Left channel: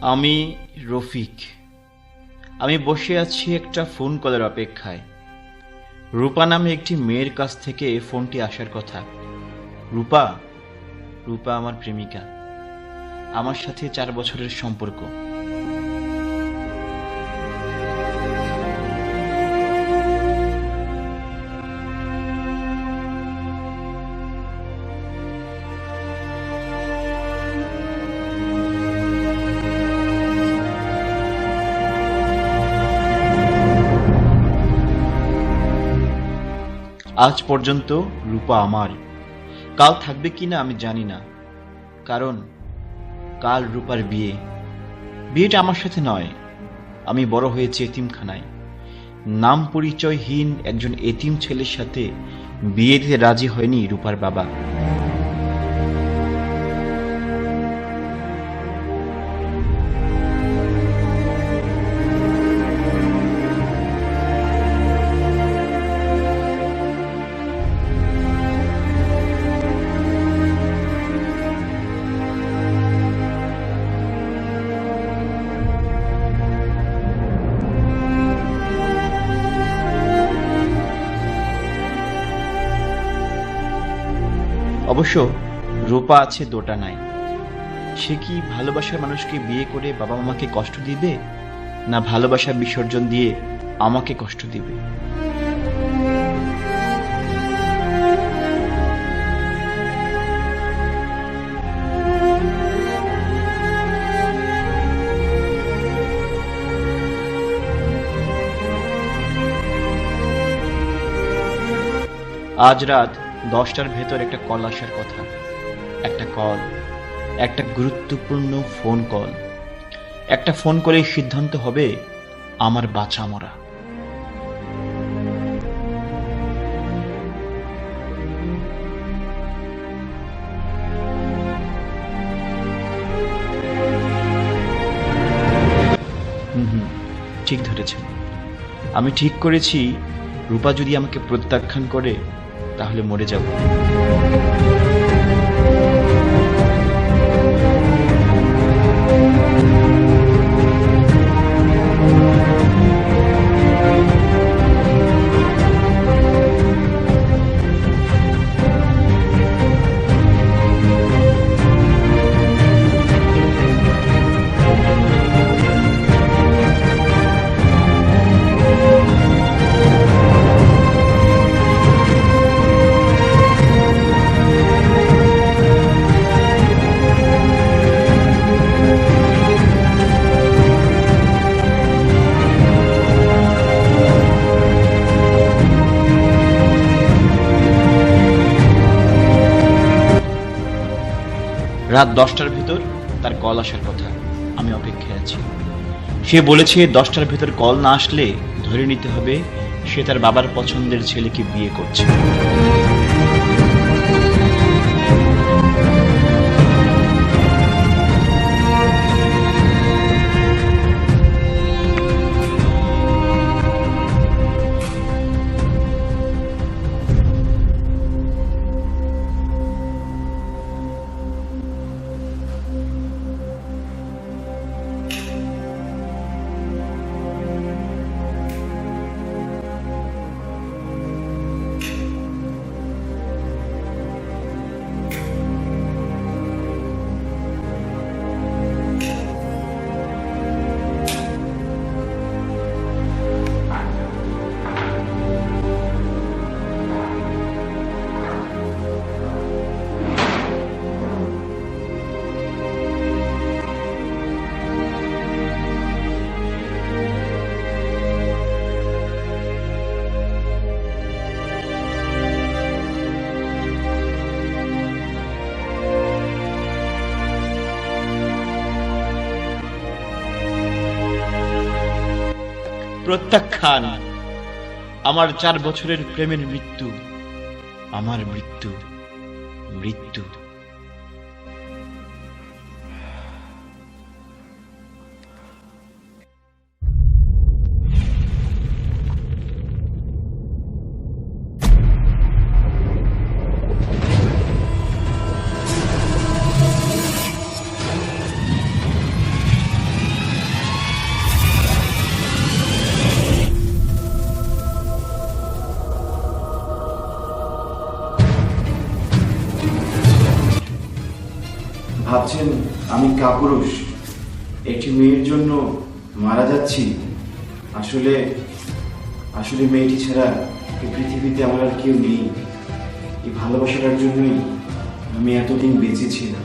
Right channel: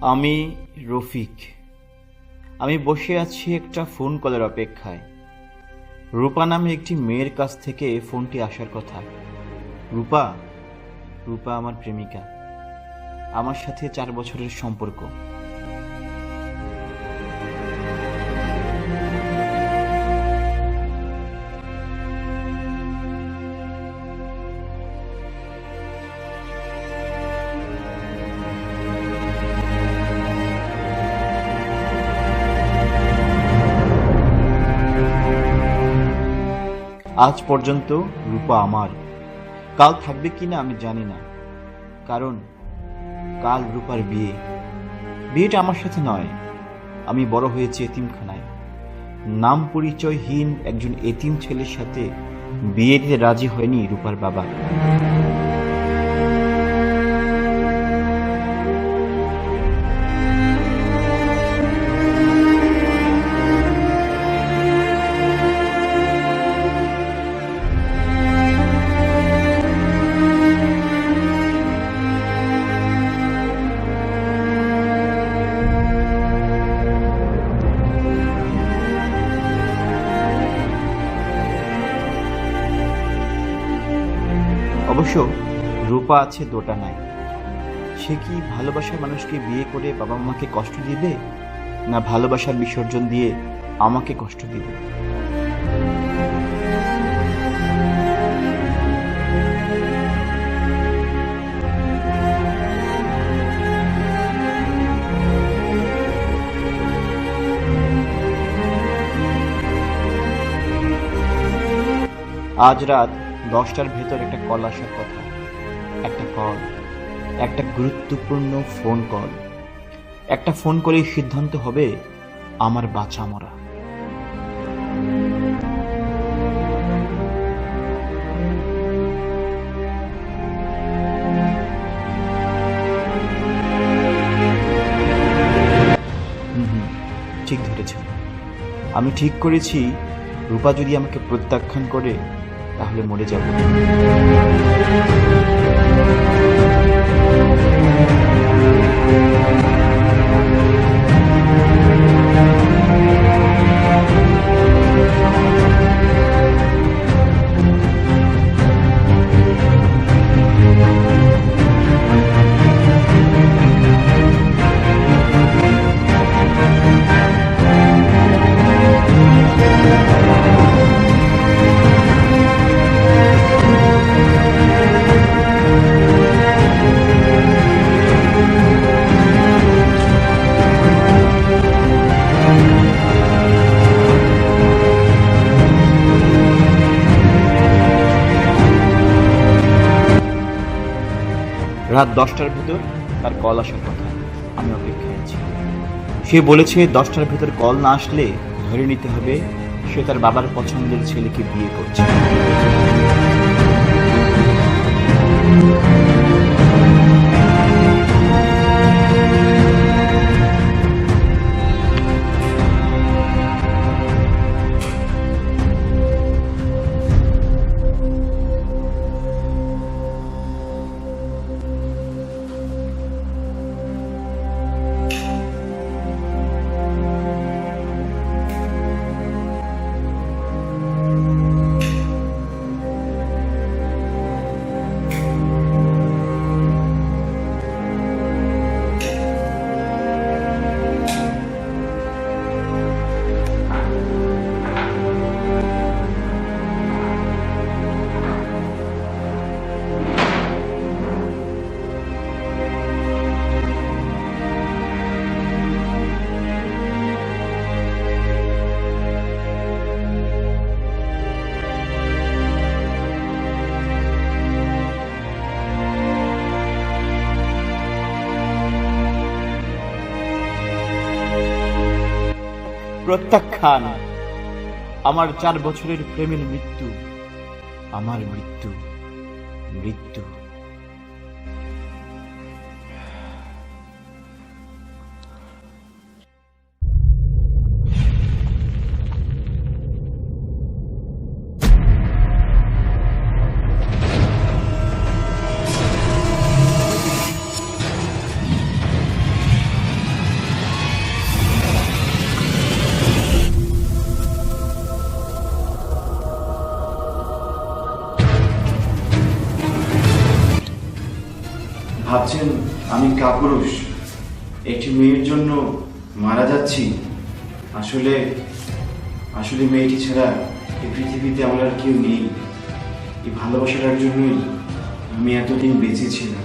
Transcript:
আমি রফিক। আমি বসে আছি একটা ফোন কলের অপেক্ষায়। রূপা নামে একটি মেয়ের কাছ থেকে ফোনটি আসার কথা। রূপা রূপা আমার প্রেমিকা। আমার সাথে চার বছরের সম্পর্ক। আজ পর্যন্ত রূপা আমার কাল থাকবে কি না আমি জানি না। কারণ কাল রূপার বিয়ে। বিয়েটা আমার সাথে নয়। আমি বড় হয়েছি এতিমখানায়। নাম পরিচয়হীন একজন এতিম ছেলের সাথে বিয়ে দিতে রাজি হয়নি রূপার বাবা। অবশ্য রূপা আছে, দোটা নাই। সে কি ভালোবাসার মানুষকে বিয়ে করে বাবা মাকে কষ্ট দিবে, না ভালোবাসার বিসর্জন দিয়ে আমাকে কষ্ট দিবে? আজ রাত দশটার ভেতর একটা কল আসার কথা। একটা কল একটা গুরুত্বপূর্ণ ফোন কল একটা ফোন করেই সিদ্ধান্ত হবে আমার বাঁচা মরা। ঠিক ধরেছেন। আমি ঠিক করেছি, রূপা যদি আমাকে প্রত্যাখ্যান করে তাহলে মরে যাব। রাত দশটার ভিতর তার কল আসার কথা। আমি অপেক্ষায় আছি। সে বলেছে, দশটার ভিতর কল না আসলে ধরে নিতে হবে, সে তার বাবার পছন্দের ছেলেকে বিয়ে করছে। প্রত্যাখ্যান। আমার চার বছরের প্রেমের মৃত্যু আমার মৃত্যু মৃত্যু। ভাবছেন, আমি কাপুরুষ। একটি মেয়ের জন্য মারা যাচ্ছি। আসলে আসলে মেয়েটি ছাড়া এই পৃথিবীতে আমার আর কেউ নেই। এই ভালোবাসাটার জন্যই আমি এতদিন বেঁচে ছিলাম।